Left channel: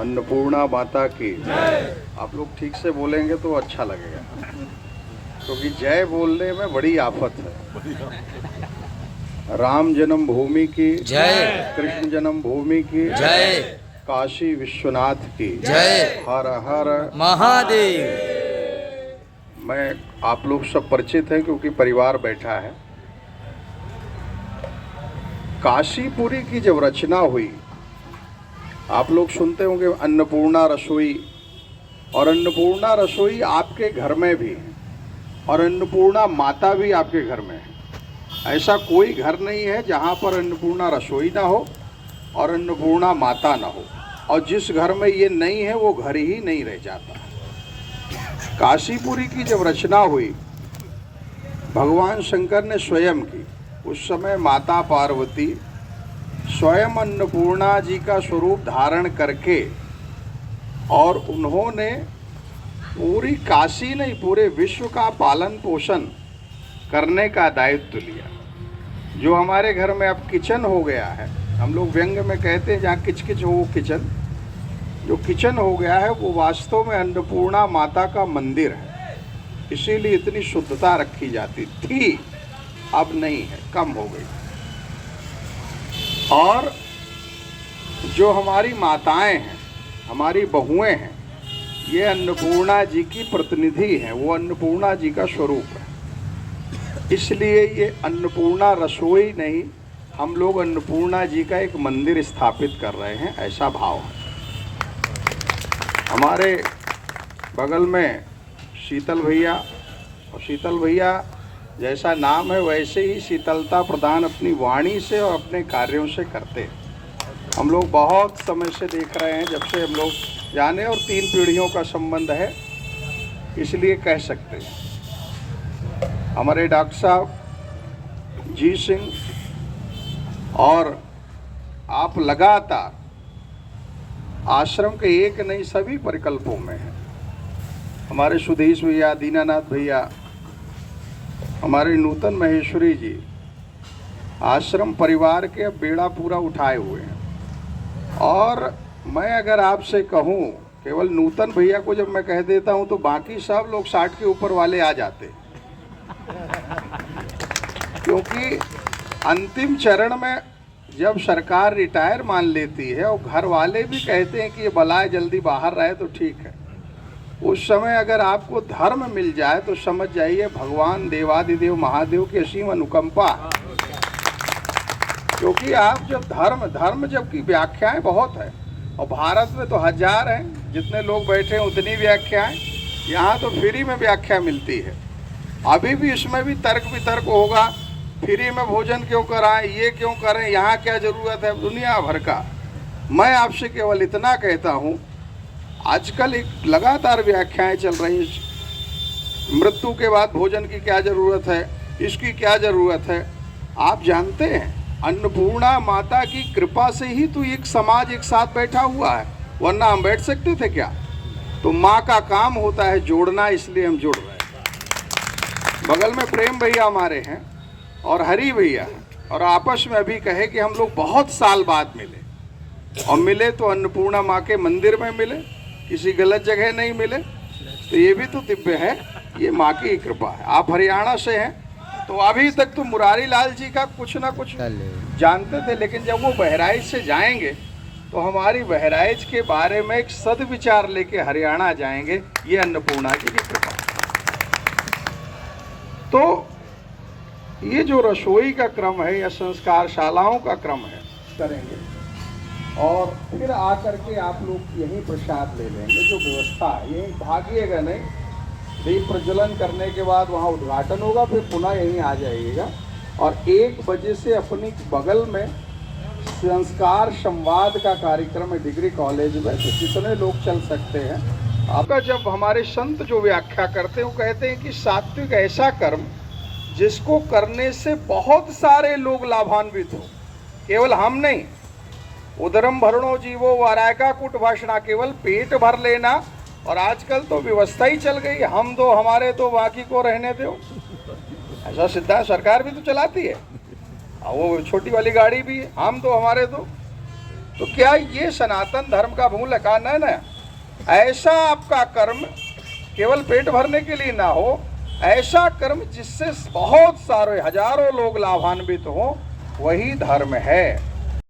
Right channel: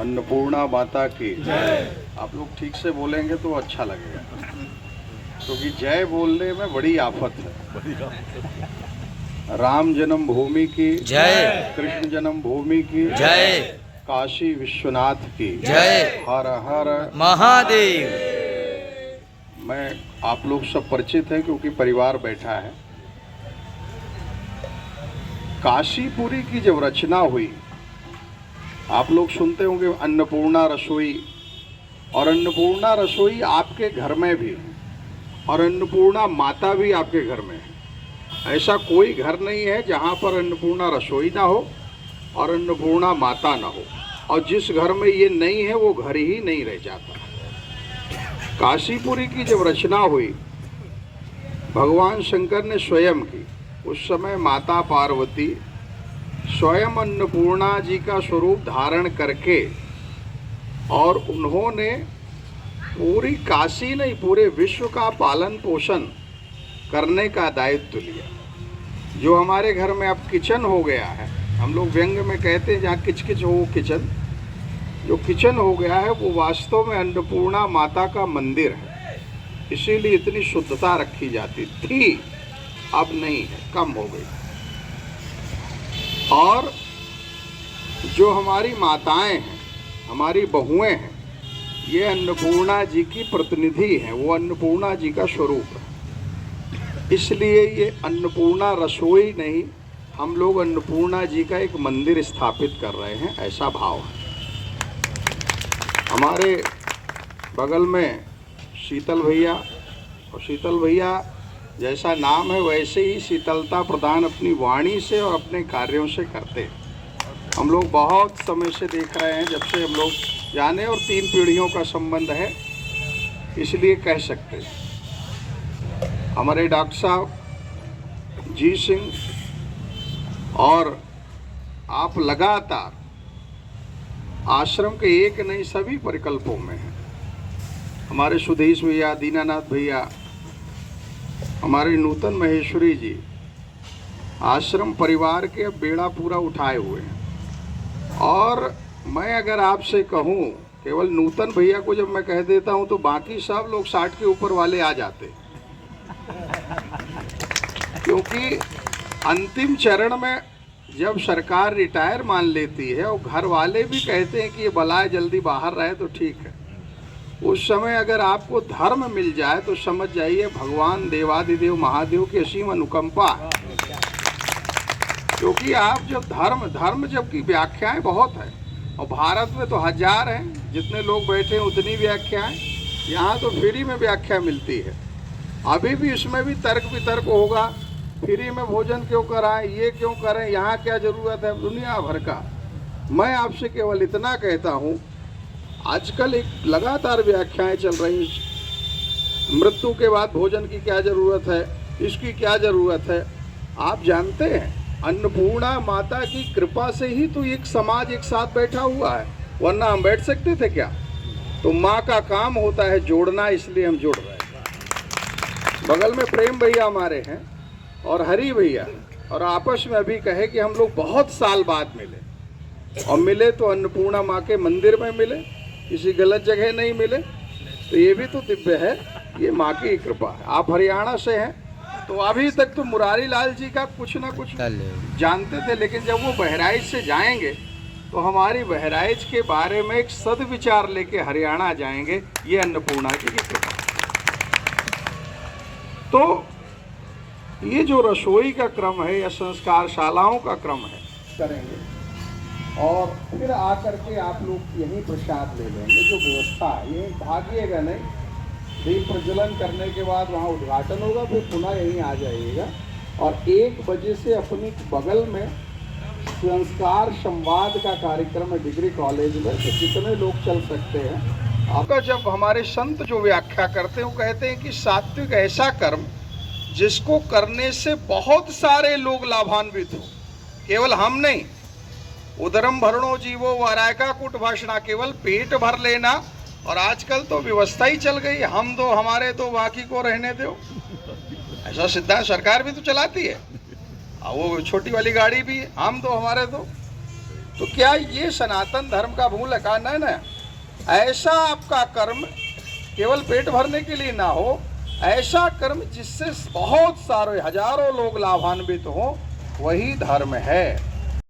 अन्नपूर्णा माता की आप लोग ठीक से बोलेंगे तो अच्छा लगेगा, क्योंकि जय बोलने में बड़ी आफत है। राम जन्मभूमि की जय, कृष्ण जन्मभूमि की जय, काशी विश्वनाथ की जय, हर हर महादेव। मैं आप लोग सब परिचित हैं क्योंकि परिवार बैठा है। काशीपुरी की जब रचना हुई, आप लोग सुनते होंगे अन्नपूर्णा रसोई, और अन्नपूर्णा रसोई आपके घर में भी है और अन्नपूर्णा माता भी आपके घर में है। ऐसा कोई घर नहीं है जहाँ पर अन्नपूर्णा रसोई ना हो और अन्नपूर्णा माता ना हो, और जिस घर में ये नहीं है वो घर ही नहीं रह जाता। काशीपुरी की जब रचना हुई भगवान शंकर ने स्वयं की, उस समय माता पार्वती स्वयं अन्नपूर्णा जी का स्वरूप धारण करके, और उन्होंने पूरी काशी नहीं पूरे विश्व का पालन पोषण करने का दायित्व लिया। जो हमारे घर में अब किचन हो गया है, हम लोग व्यंग में कहते हैं जहाँ किचकिच हो किचन, जो किचन हो गया है वो वास्तव में अन्नपूर्णा माता का मंदिर है। इसीलिए इतनी शुद्धता रखी जाती थी, अब नहीं है, कम हो गई। और जो हमारी माताएं हैं, हमारी बहुएं हैं, ये अन्नपूर्णा जी की प्रतिनिधि हैं, वो अन्नपूर्णा जी का स्वरूप है। इसलिए ये अन्नपूर्णा रसोई नहीं, हम लोग अन्नपूर्णा जी का एक मंदिर स्थापित कर रहे हैं, ऐसा भाव है। हमारे बगल में शीतल भैया, और शीतल भैया जैसा नाम है वैसे ही शीतलता प्रदान अपनी वाणी से और अपने कार्यों से करते हैं। हम लोग बहुत समय से देख रहे हैं, जब से हम लोग जाने, और 3 पीढ़ियों का संबंध है, इसलिए कह सकते हैं। हमारे डॉक्टर साहब जी सिंह, और आप लगातार आश्रम के एक नहीं सभी परिकल्पों में हैं। हमारे सुधीश भैया, दीनानाथ भैया, हमारे नूतन महेश्वरी जी आश्रम परिवार के बेड़ा पूरा उठाए हुए हैं। और मैं अगर आपसे कहूं, केवल नूतन भैया को जब मैं कह देता हूं तो बाकी सब लोग 60 के ऊपर वाले आ जाते, क्योंकि अंतिम चरण में जब सरकार रिटायर मान लेती है और घर वाले भी कहते हैं कि ये बलाए जल्दी बाहर रहे तो ठीक है, उस समय अगर आपको धर्म मिल जाए तो समझ जाइए भगवान देवादिदेव महादेव की असीम अनुकंपा। क्योंकि आप जब धर्म जबकि व्याख्याएं बहुत है, और भारत में तो 1000 हैं, जितने लोग बैठे हैं उतनी व्याख्याएं, यहाँ तो फ्री में व्याख्या मिलती है। अभी भी इसमें भी तर्क वितर्क होगा, फ्री में भोजन क्यों कराएं, ये क्यों करें, यहाँ क्या ज़रूरत है, दुनिया भर का। मैं आपसे केवल इतना कहता हूँ, आजकल एक लगातार व्याख्याएं चल रही, मृत्यु के बाद भोजन की क्या ज़रूरत है, इसकी क्या ज़रूरत है। आप जानते हैं अन्नपूर्णा माता की कृपा से ही तो एक समाज एक साथ बैठा हुआ है, वरना हम बैठ सकते थे क्या। तो माँ का काम होता है जोड़ना, इसलिए हम जुड़ रहे हैं। बगल में प्रेम भैया हमारे हैं और हरी भैया, और आपस में अभी कहे कि हम लोग बहुत साल बाद मिले, और मिले तो अन्नपूर्णा माँ के मंदिर में मिले, किसी गलत जगह नहीं मिले, तो ये भी तो दिव्य है, ये माँ की कृपा है। आप हरियाणा से हैं तो अभी तक तो मुरारी लाल जी का कुछ ना कुछ जानते थे, लेकिन जब वो बहराइच से जाएंगे तो हमारी बहराइच के बारे में एक सदविचार लेके हरियाणा जाएंगे, ये अन्नपूर्णा की भी कृपा। तो ये जो रसोई का क्रम है या संस्कार शालाओं का क्रम है करेंगे, और फिर आकर के आप लोग यहीं प्रसाद ले लेंगे। जो व्यवस्था है ये भागिएगा नहीं, दीप प्रज्वलन करने के बाद वहाँ उद्घाटन होगा, फिर पुनः यहीं आ जाइएगा। और 1 बजे से अपनी बगल में संस्कार संवाद का कार्यक्रम है डिग्री कॉलेज में, तो जितने लोग चल सकते हैं। आपका जब हमारे संत जो व्याख्या करते हैं वो कहते हैं कि सात्विक ऐसा कर्म जिसको करने से बहुत सारे लोग लाभान्वित हो, केवल हम नहीं। उदरम भरणो जीवो वारायका कुट भाषणा, केवल पेट भर लेना, और आजकल तो व्यवस्था ही चल गई, हम दो हमारे तो बाकी को रहने दो, ऐसा सिद्धांत सरकार भी तो चलाती है। वो छोटी वाली गाड़ी भी हम दो हमारे दो, तो क्या ये सनातन धर्म का मूल है? कहा नहीं ना, ऐसा आपका कर्म केवल पेट भरने के लिए ना हो, ऐसा कर्म जिससे बहुत सारे हजारों लोग लाभान्वित हो, वही धर्म है।